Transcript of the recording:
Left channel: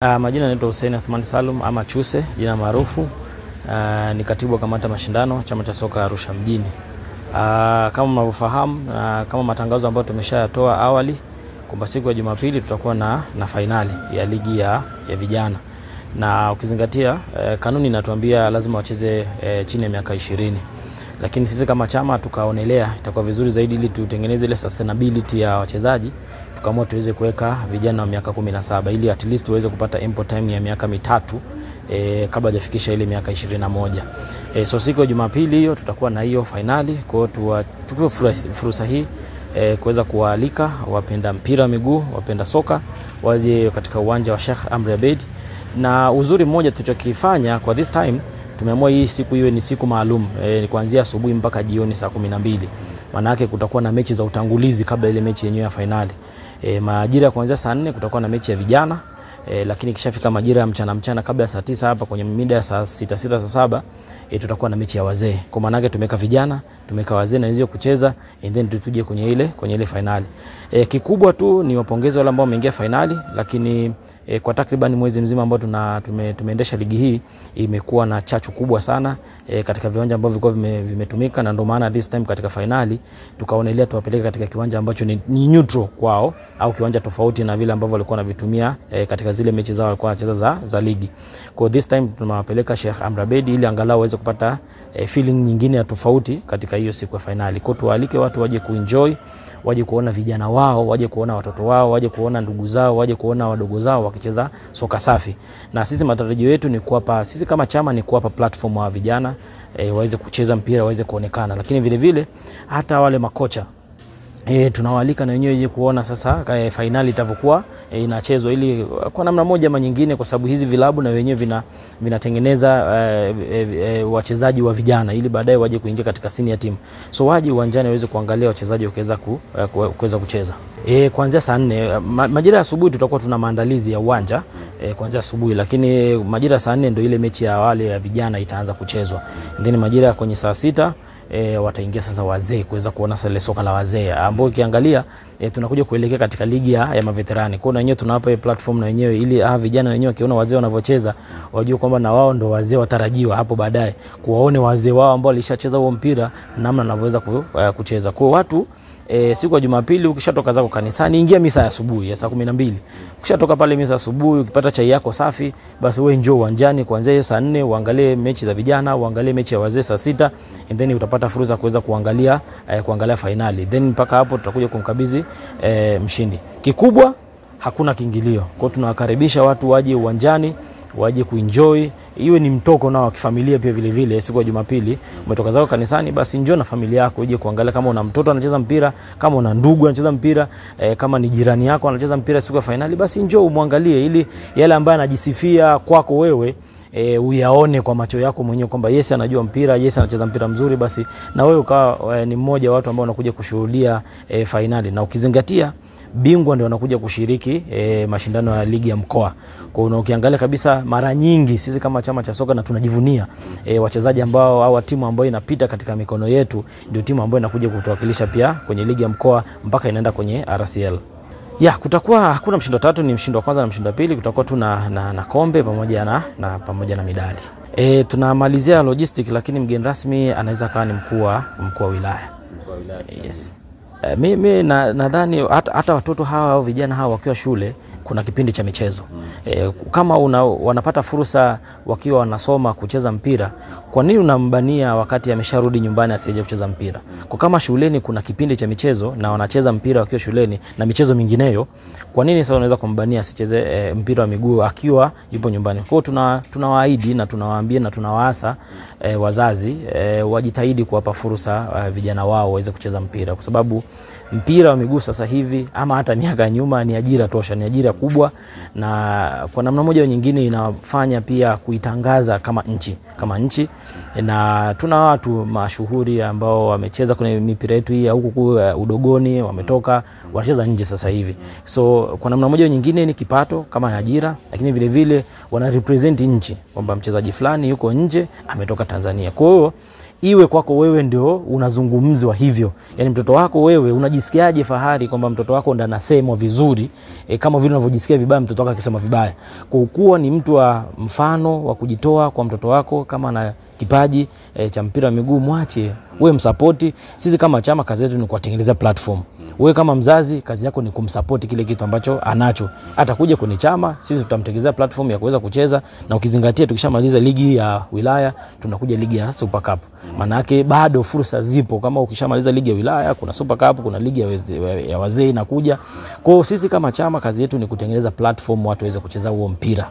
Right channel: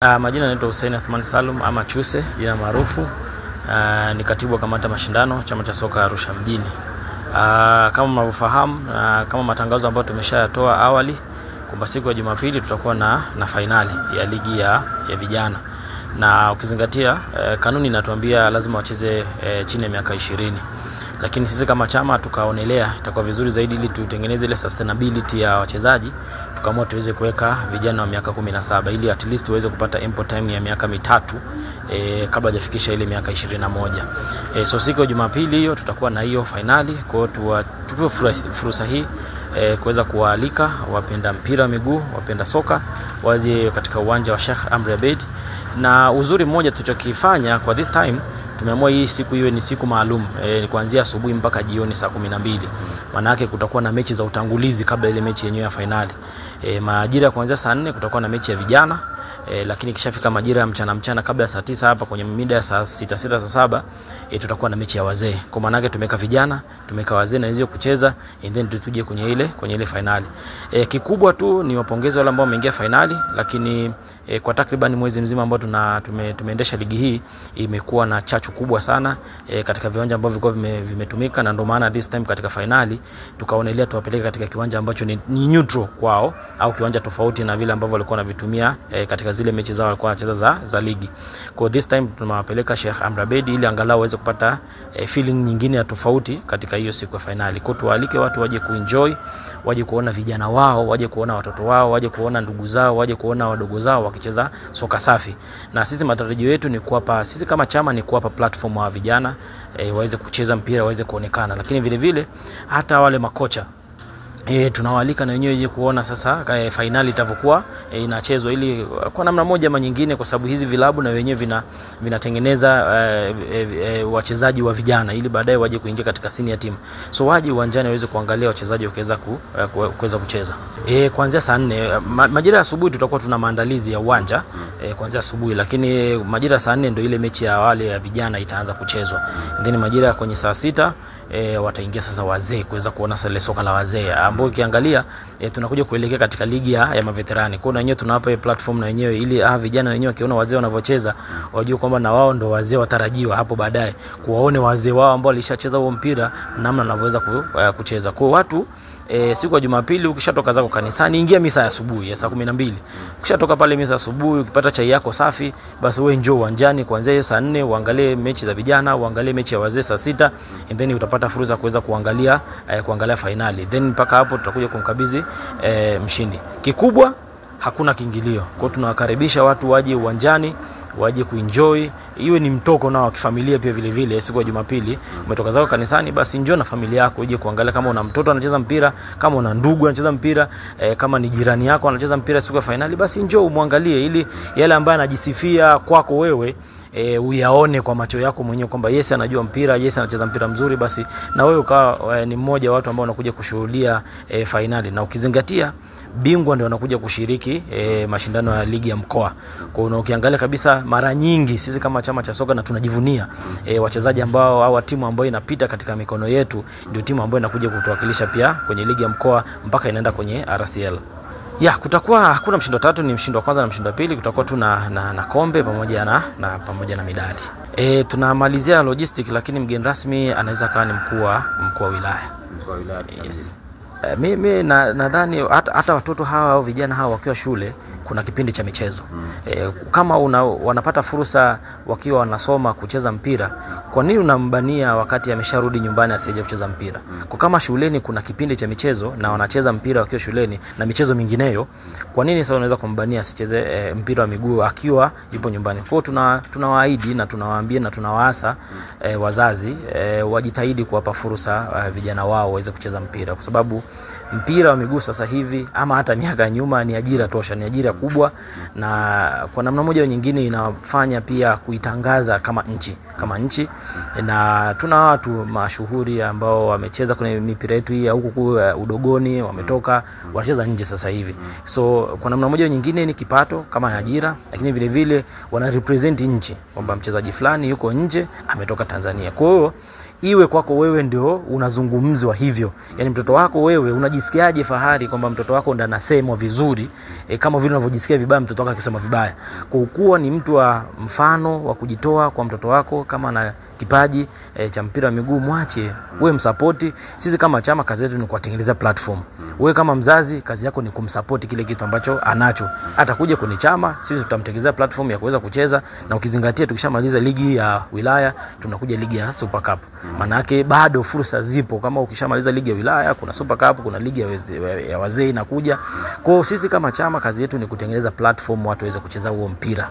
Majina naitwa Hussein Athman Salum ama Chuse, jina maarufu. Ni katibu wa kamati ya mashindano chama cha soka Arusha mjini. Kama mnavyofahamu, kama matangazo ambayo tumeshayatoa awali, kwamba siku ya Jumapili tutakuwa na finali ya ligi ya vijana. Na ukizingatia kanuni inatuambia lazima wacheze chini ya miaka 20. Lakini sisi kama chama tukaonelea itakuwa vizuri zaidi ili tutengeneze ile sustainability ya wachezaji, tukaamua tuweze kuweka vijana wa miaka 17 ili at least waweze kupata ample time ya miaka 3 kabla hajafikisha ile miaka 21. So siku ya Jumapili hiyo tutakuwa na hiyo finali. Kwa hiyo tutoe fursa hii kuweza kuwaalika wapenda mpira wa miguu, wapenda soka waje katika uwanja wa Sheikh Amri Abeid. Na uzuri mmoja tulichokifanya kwa this time, tumeamua hii siku iwe ni siku maalum, ni kuanzia asubuhi mpaka jioni saa 12. Maana yake kutakuwa na mechi za utangulizi kabla ile mechi yenyewe ya finali. Majira kuanzia saa 4 kutakuwa na mechi ya vijana, lakini kishafika majira ya mchana kabla ya saa 9 hapa kwenye mida ya saa 6 saa 7 tutakuwa na mechi ya wazee. Kwa maana yake tumeka vijana, tumeka wazee na hizo kucheza, and then tuje kwenye ile finali. Kikubwa tu ni wapongeze wale ambao wameingia finali, lakini kwa takriban mwezi mzima ambao tumeendesha ligi hii imekuwa na chachu kubwa sana katika viwanja ambavyo vilikuwa vimetumika, na ndio maana this time katika finali tukaonelea tuwapeleke katika kiwanja ambacho ni neutral kwao, au kiwanja tofauti na vile ambavyo walikuwa wanavitumia katika zile mechi zao walikuwa wanacheza za ligi. Kwa this time tunawapeleka Sheikh Amri Abeid ili angalau waweze kupata feeling nyingine ya tofauti katika hiyo siku ya finali. Kwa tuwaalike watu waje kuenjoy, waje kuona vijana wao, waje kuona watoto wao, waje kuona ndugu zao, waje kuona wadogo zao wakicheza soka safi. Na sisi matarajio yetu ni kuwapa, sisi kama chama ni kuwapa platform wa vijana waweze kucheza mpira, waweze kuonekana. Lakini vile vile hata wale makocha tunawaalika na wenyewe ili kuona sasa finali itavyokuwa inachezwa, ili kwa namna moja ama nyingine, kwa sababu hizi vilabu na wenyewe vinatengeneza wachezaji wa vijana ili baadaye waje kuingia katika senior team. So waje uwanjani waweze kuangalia wachezaji wakiweza kucheza. Kuanzia saa 4 majira ya asubuhi tutakuwa tuna maandalizi ya uwanja kuanzia asubuhi, lakini majira ya saa 4 ndio ile mechi ya wale ya vijana itaanza kuchezwa. Then majira kwenye saa 6 wataingia sasa wazee kuweza kuona sasa soka la wazee, ambao ukiangalia tunakuja kuelekea katika ligi ya maveterani. Kwa hiyo wenyewe tunawapa platform na wenyewe ili vijana wenyewe wakiona wazee wanavyocheza wajue kwamba na wao ndio wazee watarajiwa hapo baadaye, kuwaone wazee wao ambao walishacheza huo mpira namna wanavyoweza kucheza. Kwa watu siku ya Jumapili ukishatoka zako kanisani, ingia misa ya asubuhi ya saa 12. Ukishatoka pale misa asubuhi, ukipata chai yako safi, basi wewe njoo uwanjani kuanzia saa 4 uangalie mechi za vijana, uangalie mechi ya wazee saa 6, and then utapata fursa kuweza kuangalia finali. Then mpaka hapo tutakuja kumkabidhi mshindi. Kikubwa hakuna kiingilio. Kwa hiyo tunawakaribisha watu waje uwanjani, waje kuenjoy, iwe ni mtoko nao wa kifamilia pia vile vile. Siku ya Jumapili umetoka zako kanisani, basi njoo na familia yako uje kuangalia. Kama una mtoto anacheza mpira, kama una ndugu anacheza mpira, kama ni jirani yako anacheza mpira siku ya finali, basi njoo umwangalie, ili yale ambaye anajisifia kwako wewe uyaone kwa macho yako mwenyewe kwamba yes anajua mpira, yes anacheza mpira mzuri, basi na wewe ukawa ni mmoja wa watu ambao wanakuja kushuhudia finali. Na ukizingatia bingwa ndio wanakuja kushiriki mashindano ya ligi ya mkoa. Kwa hiyo ukiangalia kabisa, mara nyingi sisi kama chama cha soka na tunajivunia wachezaji ambao au timu ambayo inapita katika mikono yetu ndio timu ambayo inakuja kutuwakilisha pia kwenye ligi ya mkoa mpaka inaenda kwenye RCL. Kutakuwa hakuna mshindo tatu, ni mshindo wa kwanza na mshindo wa pili. Kutakuwa tu na kombe pamoja na midali. Tunamalizia logistic, lakini mgeni rasmi anaweza kawa ni mkuu wa wilaya. Yes. Mimi nadhani hata watoto hawa au vijana hawa wakiwa shule kuna kipindi cha michezo. Kama wanapata fursa wakiwa wanasoma kucheza mpira, kwa nini unambania wakati amesharudi nyumbani asije kucheza mpira? Kwa kama shuleni kuna kipindi cha michezo na wanacheza mpira wakiwa shuleni na michezo mingineyo, kwa nini sasa unaweza kumbania asicheze mpira wa miguu akiwa yupo nyumbani? Kwa hiyo tunawaahidi na tunawaambia na tunawaasa wazazi wajitahidi kuwapa fursa vijana wao waweze kucheza mpira, kwa sababu mpira wa miguu sasa hivi ama hata miaka nyuma ni ajira tosha, ni ajira kubwa, na kwa namna moja au nyingine inafanya pia kuitangaza kama nchi. Na tuna watu mashuhuri ambao wamecheza kwenye mipira yetu hii huko udogoni, wametoka wanacheza nje sasa hivi. So kwa namna moja au nyingine ni kipato kama ajira, lakini vile vile wana represent nchi kwamba mchezaji fulani yuko nje ametoka Tanzania. Kwa hiyo iwe kwako wewe ndio unazungumzwa hivyo, yani mtoto wako wewe unajisikiaje fahari kwamba mtoto wako ndo anasemwa vizuri kama vile unavyojisikia vibaya mtoto wako akisema vibaya. Kwa kuwa ni mtu wa mfano wa kujitoa kwa mtoto wako, kama ana kipaji cha mpira wa miguu, mwache, wewe msupport. Sisi kama chama kazi yetu ni kuwatengeneza platform. Wewe kama mzazi kazi yako ni kumsupport kile kitu ambacho anacho. Atakuja kwenye chama, sisi tutamtengenezea platform ya kuweza kucheza, na ukizingatia tukishamaliza ligi ya wilaya tunakuja ligi ya Super Cup. Maana yake bado fursa zipo, kama ukishamaliza ligi ya wilaya kuna Super Cup, kuna ligi ya wazee inakuja. Kwa hiyo sisi kama chama kazi yetu ni kutengeneza platform watu waweze kucheza huo mpira.